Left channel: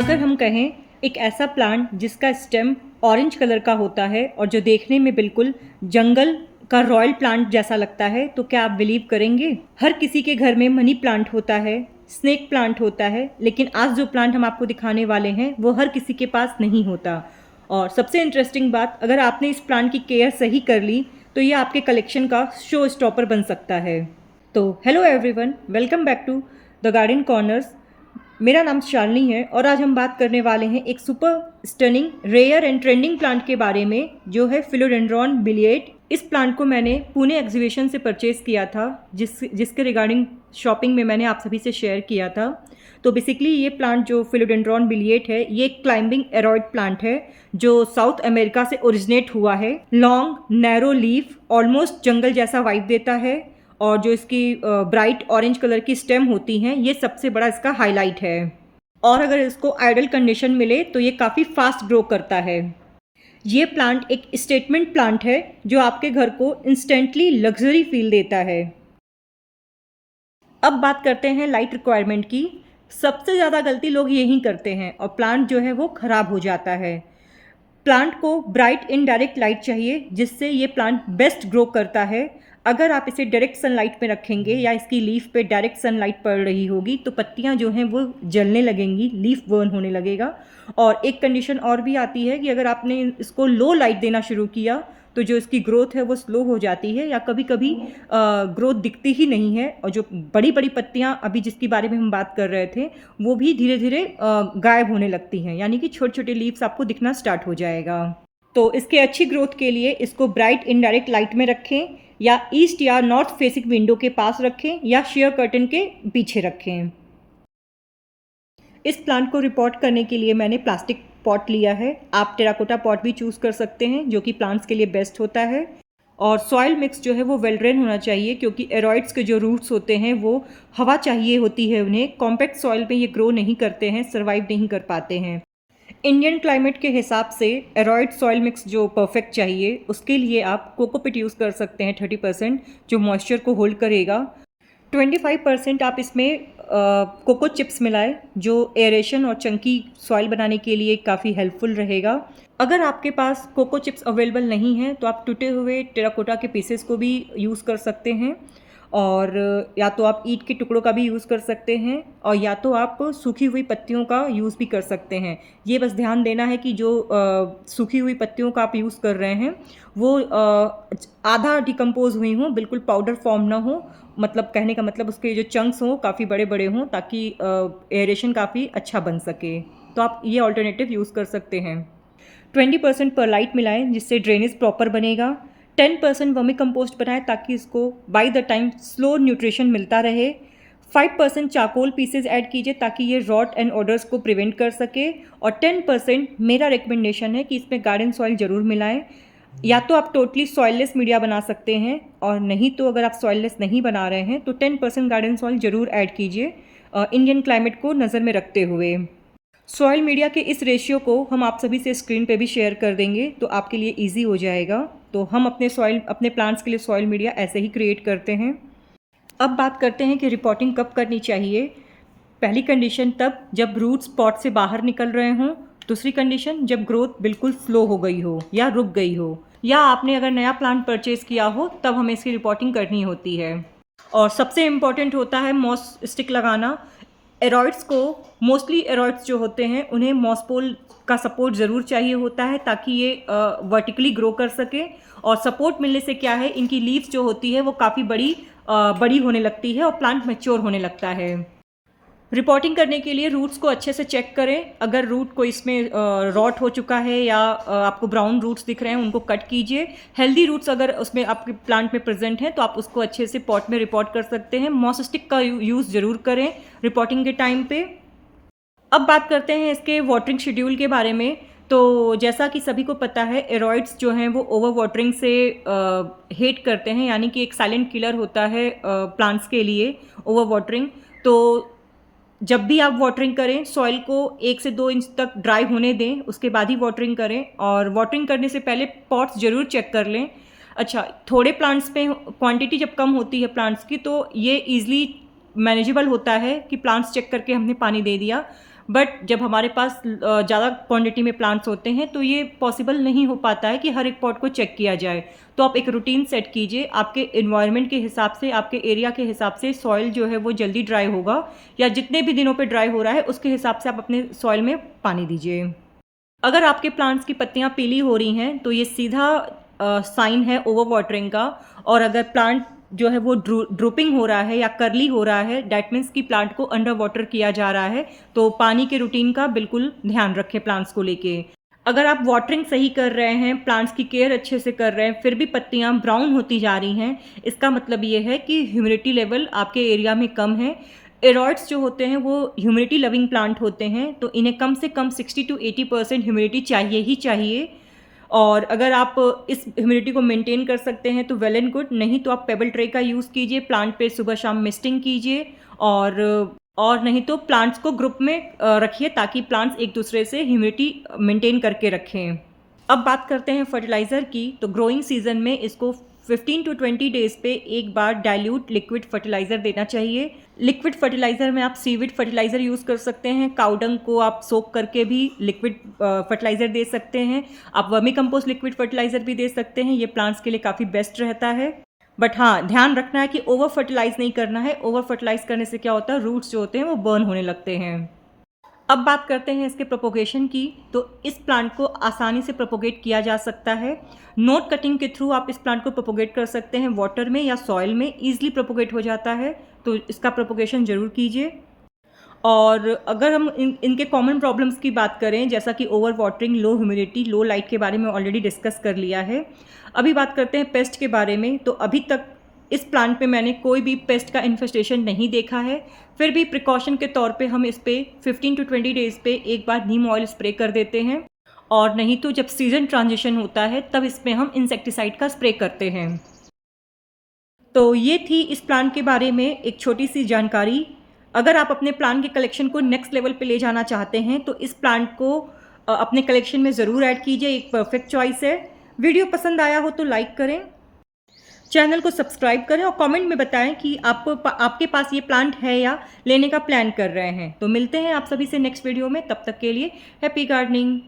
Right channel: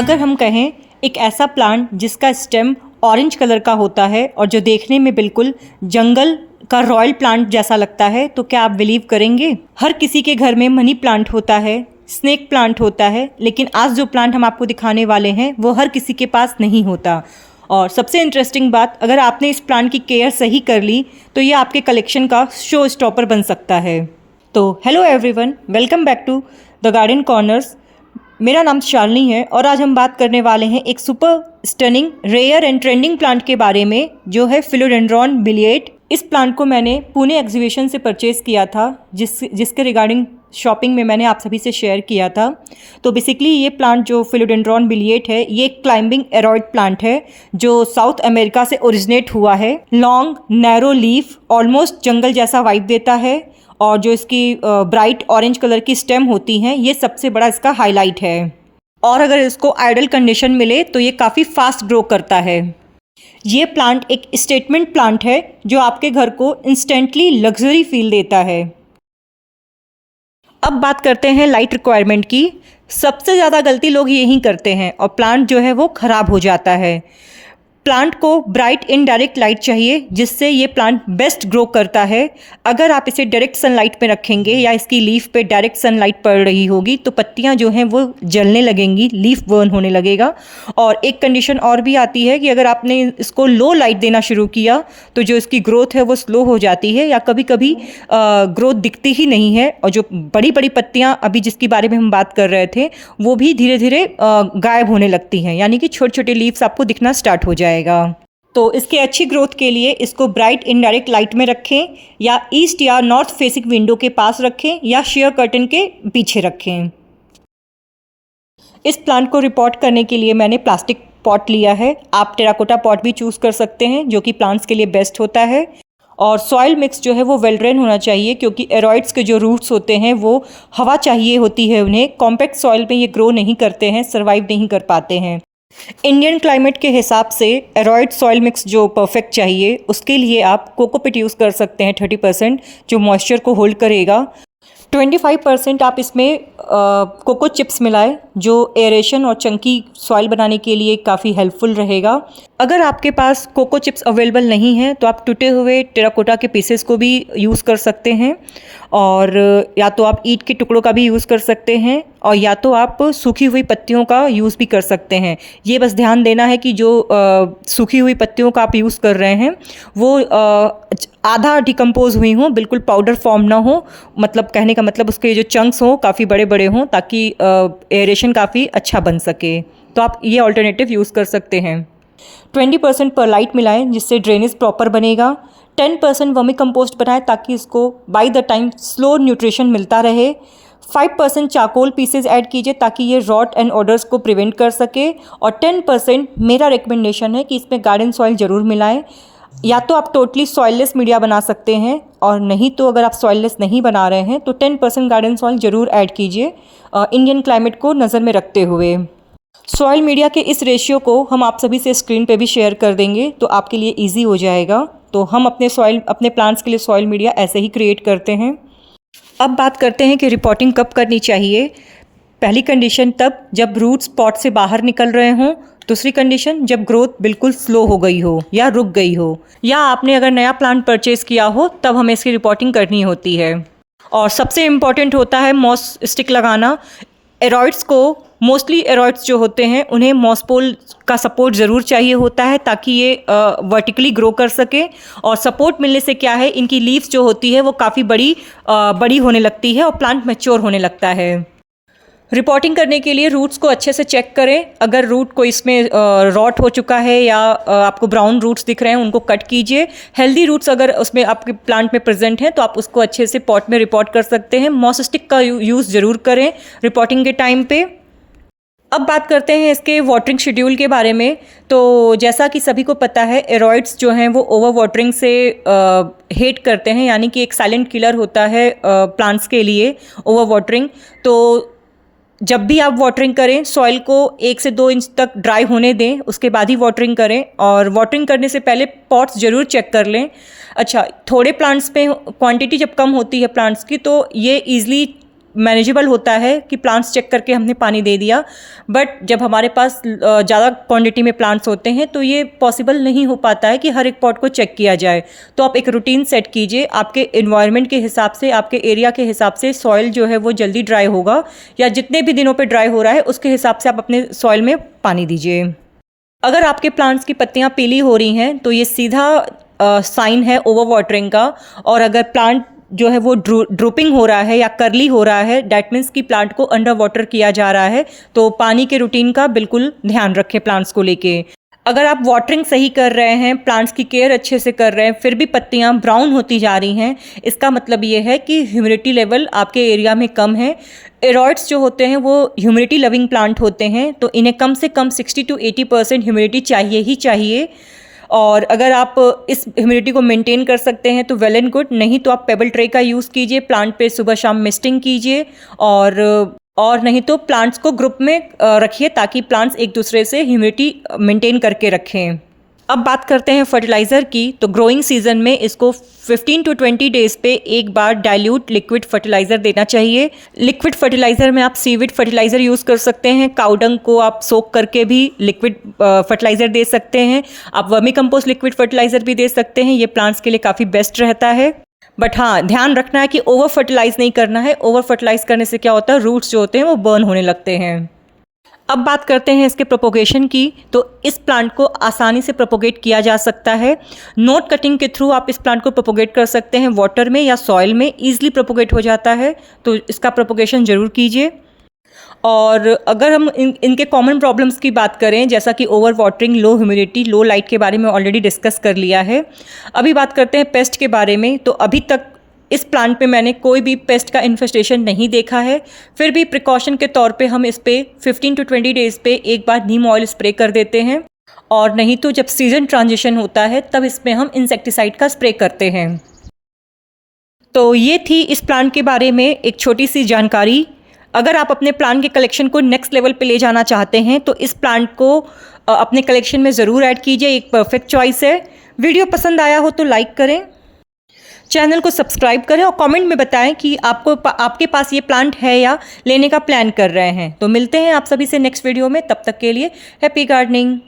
अगर हम कहें एक ऐसा प्लांट जिसका स्टेम ऑरेंज कलर का होता है और जो देखने में बिल्कुल जंगल का रॉयल प्लांट जैसा लगता है, तो क्या आप बिलीव करेंगे? हर किसी के घर में मनी प्लांट होता है, स्नेक प्लांट होता है, लेकिन आज जो प्लांट हम आपको दिखाने वाले हैं वो हर किसी के पास नहीं होता। और सबसे इंटरेस्टिंग बात, अगर आपने इस प्लांट की केयर सही कर ली तो ये आपके कलेक्शन का शो स्टॉपर बन सकता है। तो hello everyone, welcome back to the garden corners. मेरा नाम शालिनी है और आज हम बात करने वाले हैं एक super stunning rare and trending plant के बारे में, जो है फिलोडेंड्रॉन बिलिएट। इस प्लांट को मैंने पुणे एग्जीबिशन से परचेज़ किया था, जिसके रिगार्डिंग शॉपिंग में मैंने आप सभी से शेयर किया था। तो बेसिकली ये प्लांट जो फिलोडेंड्रॉन बिलिएट है, ये एक क्लाइंबिंग एरॉइड प्लांट है जो साउथ अमेरिका से ओरिजिनेट हुआ है। लॉन्ग नैरो लीफ, ऑलमोस्ट जंगल जैसा वाइब देता है और जो इसकी ब्राइट ऑरेंज कलर की स्टेम होती हैं, ये सबसे बड़ा इसका हाईलाइट है। और अगर इसको आइडल कंडीशन मिले तो ये काफ़ी फास्ट ग्रो करता है। ये प्लांट एक स्टेटमेंट प्लांट है जो आपके घर को इंस्टेंटली लग्जरी फील देता है। अब बात करते हैं लाइट रिक्वायरमेंट की। सबसे ज़्यादा गलती लोग यही करते हैं और प्लांट जो है वो ख़राब हो जाता है। प्लांट को ब्राइट इनडायरेक्ट लाइट चाहिए, जिससे ये प्लांट बेस्ट ग्रो करता है। अगर आप इसे डायरेक्ट सनलाइट पे रखेंगे या इसकी लीफ पे डायरेक्ट सनलाइट पड़ रही होगी तो पत्तियां जो हैं वो जलने लगेंगी, लीफ बर्न होने लगेगा। और एक कंडीशन और भी आती है कि अगर आपने इसको लो लाइट देना शुरू किया तो जो इसकी ग्रोथ है वो स्लो हो जाती है या कभी कभी ग्रोथ दिखती ही नहीं है। और जो बड़ी बड़ी पत्तियाँ अभी जिसके बारे में हम बात कर रहे थे वो भी धीरे धीरे गायब होने लगती हैं, यानी कि छोटे छोटे लीव्स आपको दिखना स्टार्ट हो जाएगा। तो इसके अच्छी ग्रोथ के लिए इसको ब्राइट इनडायरेक्ट लाइट में रखें या ईस्ट या नॉर्थ फेसिंग विंडो के पास रखें या शेयर कर्टन के पीछे रखें। इस प्लांट को रिपोर्ट करने के लिए मैंने प्लास्टिक पॉट लिया है। आप टेराकोटा पॉट भी चूज़ कर सकते हैं, जो कि प्लांट्स के लिए बेस्ट होता है। और सॉइल मिक्स जो है वो वेल ड्रेन होना चाहिए, क्योंकि एरॉइड्स के जो रूट्स होते हैं वो हवा चाहिए होती है उन्हें। कॉम्पैक्ट सॉइल में ये ग्रो नहीं करते हैं, सर्वाइव नहीं कर पाते हैं। इंडियन क्लाइमेट के हिसाब से एरॉइड सॉइल मिक्स जो परफेक्ट चाहिए, उसके लिए आप कोकोपीट यूज़ कर सकते हैं 30%, जो मॉइस्चर को होल्ड करेगा। 25% आप इसमें कोको चिप्स मिलाएं, जो एरेशन और चंकी सॉइल बनाने के लिए काफ़ी हेल्पफुल रहेगा। अगर आपके पास कोको चिप्स अवेलेबल नहीं हैं तो आप टूटे हुए टेराकोटा के पीसेस को भी यूज़ कर सकते हैं, और या तो आप ईंट के टुकड़ों का भी यूज़ कर सकते हैं, और या तो आप सूखी हुई पत्तियों का यूज़ भी कर सकते हैं। ये बस ध्यान देना है कि जो सूखी हुई पत्तियों का आप यूज़ कर रहे हैं वो आधा डिकम्पोज हुई हों, बिल्कुल पाउडर फॉर्म ना हो। मतलब कहने का मतलब उसके जो चंक्स हों काफ़ी बड़े बड़े हों, ताकि एरेशन काफ़ी अच्छा बन सके। तो आप ये ऑल्टरनेटिव यूज़ कर सकते हैं। 20% परलाइट मिलाएं, जिससे ड्रेनेज प्रॉपर बनेगा। 10% वर्मी कंपोस्ट बनाएं ताकि इसको by the time slow nutrition मिलता रहे। 5% चारकोल पीसेज ऐड कीजिए ताकि ये रॉट एंड ऑडर्स को प्रिवेंट कर सके। और 10% मेरा रिकमेंडेशन है कि इसमें गार्डन सॉइल ज़रूर मिलाएं। या तो आप टोटली सॉइललेस मीडिया बना सकते हैं, और नहीं तो अगर आप सॉइललेस नहीं बना रहे हैं तो 10% गार्डन सॉइल ज़रूर ऐड कीजिए, इंडियन क्लाइमेट को नज़र में रखते हुए। सॉइल मीडिया के इस रेशियो को हम आप सभी से स्क्रीन पे भी शेयर कर देंगे, तो आपके लिए इजी हो जाएगा। तो हम अपने प्लांट्स के लिए सॉइल मीडिया ऐसे ही क्रिएट करते हैं। अब बात करते हैं कि रिपोर्टिंग कब करनी चाहिए। पहली कंडीशन तब जब रूट्स पॉट से बाहर निकल रहे हों। दूसरी कंडीशन जब ग्रोथ बिल्कुल स्लो हो गई हो या रुक गई हो, या आपने अगर नया प्लांट परचेज़ किया हो तब हमें इसकी रिपोर्टिंग करनी होती है। और सबसे इम्पॉर्टेंट होता है मॉस स्टिक लगाना। एरॉइड्स को, मोस्टली एरॉइड्स जो होते हैं उन्हें मॉसपोल का सपोर्ट ज़रूर चाहिए होता है ताकि ये वर्टिकली ग्रो कर सके। और सपोर्ट मिलने से क्या है, इनकी लीव्स जो होती है वो काफ़ी बड़ी होने लगती है और प्लांट मैच्योर होने लगता है। रिपोर्टिंग करने के लिए रूट्स को अच्छे से चेक करें। अगर रूट को इसमें रॉट हो चुका है या आपको ब्राउन रूट्स दिख रहे हैं, उनको कट कीजिए। हेल्दी रूट्स अगर उसमें आपके प्लांट में प्रेजेंट हैं तो आप उसको अच्छे से पॉट में रिपोर्ट कर सकते हैं। मॉस स्टिक का यूज़ ज़रूर करें रिपोर्टिंग के टाइम पे। अब बात करते हैं इसके वाटरिंग शेड्यूल के बारे में। तो जैसा कि सभी को पता है, एरॉइड्स जो हैं वो ओवर वाटरिंग से हेट करते हैं, यानी कि एक साइलेंट किलर होता है प्लांट्स के लिए ओवर वाटरिंग। तो जब भी आप वाटरिंग करें, सॉइल को 1 से 2 इंच तक ड्राई होने दें, उसके बाद ही वाटरिंग करें। और वाटरिंग करने से पहले पॉट्स ज़रूर चेक कर लें। अच्छा, थोड़े प्लांट्स पे क्वांटिटी जब कम होती है प्लांट्स की तो ये ईज़िली मैनेजेबल होता है कि प्लांट्स चेक करके हमने पानी दे दिया, बट जब हमारे पास ज़्यादा क्वांटिटी में प्लांट्स होते हैं तो ये पॉसिबल नहीं हो पाता है कि हर एक पॉट को चेक किया जाए। तो आप एक रूटीन सेट कीजिए, आपके इन्वायरमेंट के हिसाब से, आपके एरिया के हिसाब से सॉइल जो है वो जल्दी ड्राई होगा, या जितने भी दिनों पे ड्राई हो रहा है उसके हिसाब से आप अपने सॉइल में पानी दीजिए। अगर आपके प्लांट्स की पत्तियां पीली हो रही हैं तो ये सीधा साइन है ओवर वाटरिंग का, और अगर प्लांट जो है वो ड्रूपिंग हो रहा है या कर्ली हो रहा है, डैट मीन्स कि प्लांट को अंडर वाटर किया जा रहा है। तो पानी के रूटीन का बिल्कुल ध्यान रखें प्लांट्स को लेके। अगर आप वाटरिंग सही कर रहे हैं, प्लांट्स की केयर अच्छे से कर रहे हैं, फिर भी पत्तियां ब्राउन होती जा रही हैं, इसका मतलब ये है कि ह्यूमिडिटी लेवल आपके एरिया में कम है। एरॉइड्स जो होते हैं वो ह्यूमिडिटी लविंग प्लांट होते हैं, तो इन्हें कम से कम 60 to 80% ह्यूमिडिटी चाहिए ही चाहिए। और अगर आप इस ह्यूमिडिटी को मेंटेन कर सकते हैं तो वेल एंड गुड, नहीं तो आप पेबल ट्रे का यूज़ कीजिए, प्लांट पे सुबह शाम मिस्टिंग कीजिए, और नहीं तो प्लांट्स को ग्रुप में रखिए ताकि प्लांट्स एक दूसरे से ह्यूमिडिटी मेंटेन करके रखें। अब बात करते हैं फर्टिलाइज़र की। तो ग्रोइंग सीजन में इसको 15 to 20 डेज़ पे एक बार डाइल्यूट लिक्विड फर्टिलाइज़र देना चाहिए। लिक्विड फर्टिलाइज़र में आप सीविड फर्टिलाइज़र यूज़ कर सकते हैं, काउडंग को आप सोक करके भी लिक्विड फर्टिलाइज़र दे सकते हैं, आप वर्मी कंपोस्ट लिक्विड फर्टिलाइज़र भी दे सकते हैं। ये प्लांट्स के लिए काफ़ी बेस्ट रहता है। बट हाँ, ध्यान रखना है कि ओवर फर्टिलाइज़ नहीं करना है। ओवर फर्टिलाइज़ करने से क्या होता है, रूट्स जो होते हैं वो बर्न होने लगते हैं। अब बात करते हैं इसके प्रोपोगेशन की। तो इस प्लांट को आसानी से प्रोपोगेट किया जा सकता है। नोट कटिंग के थ्रू आप इस प्लांट को प्रोपोगेट कर सकते हैं, वाटर में या सॉइल में ईजिली प्रोपोगेट हो जाता है, तो इसका प्रोपोगेशन ज़रूर कीजिए। और अगर हम इनके कॉमन प्रॉब्लम्स की बात करें, जैसा कि ओवर वाटरिंग, लो ह्यूमिडिटी, लो लाइट के बारे में ऑलरेडी डिस्कस कर लिया है। अभी बात करते हैं पेस्ट के बारे में। तो अभी तक इस प्लांट पे मैंने कोई भी पेस्ट का इन्फेस्टेशन नहीं देखा है, फिर भी प्रिकॉशन के तौर पे हम इस पे 15 to 20 डेज़ पे एक बार नीम ऑयल स्प्रे कर देते हैं, और नहीं तो जब सीजन ट्रांजिशन होता है तब इसमें हम इंसेक्टिसाइड का स्प्रे करते हैं। तो ये थी इस प्लांट के बारे में एक छोटी सी जानकारी। अगर आप अपने प्लांट के कलेक्शन को नेक्स्ट लेवल पे ले जाना चाहते हैं तो इस प्लांट को अपने कलेक्शन में ज़रूर ऐड कीजिए, एक परफेक्ट चॉइस है। वीडियो पसंद आया हो तो लाइक करें, चैनल को सब्सक्राइब करें, और कमेंट में बताएं कि आपके पास ये प्लांट है या लेने का प्लान कर रहे हैं। तो मिलते हैं आप सभी से नेक्स्ट वीडियो में, तब तक के लिए हैप्पी गार्डनिंग।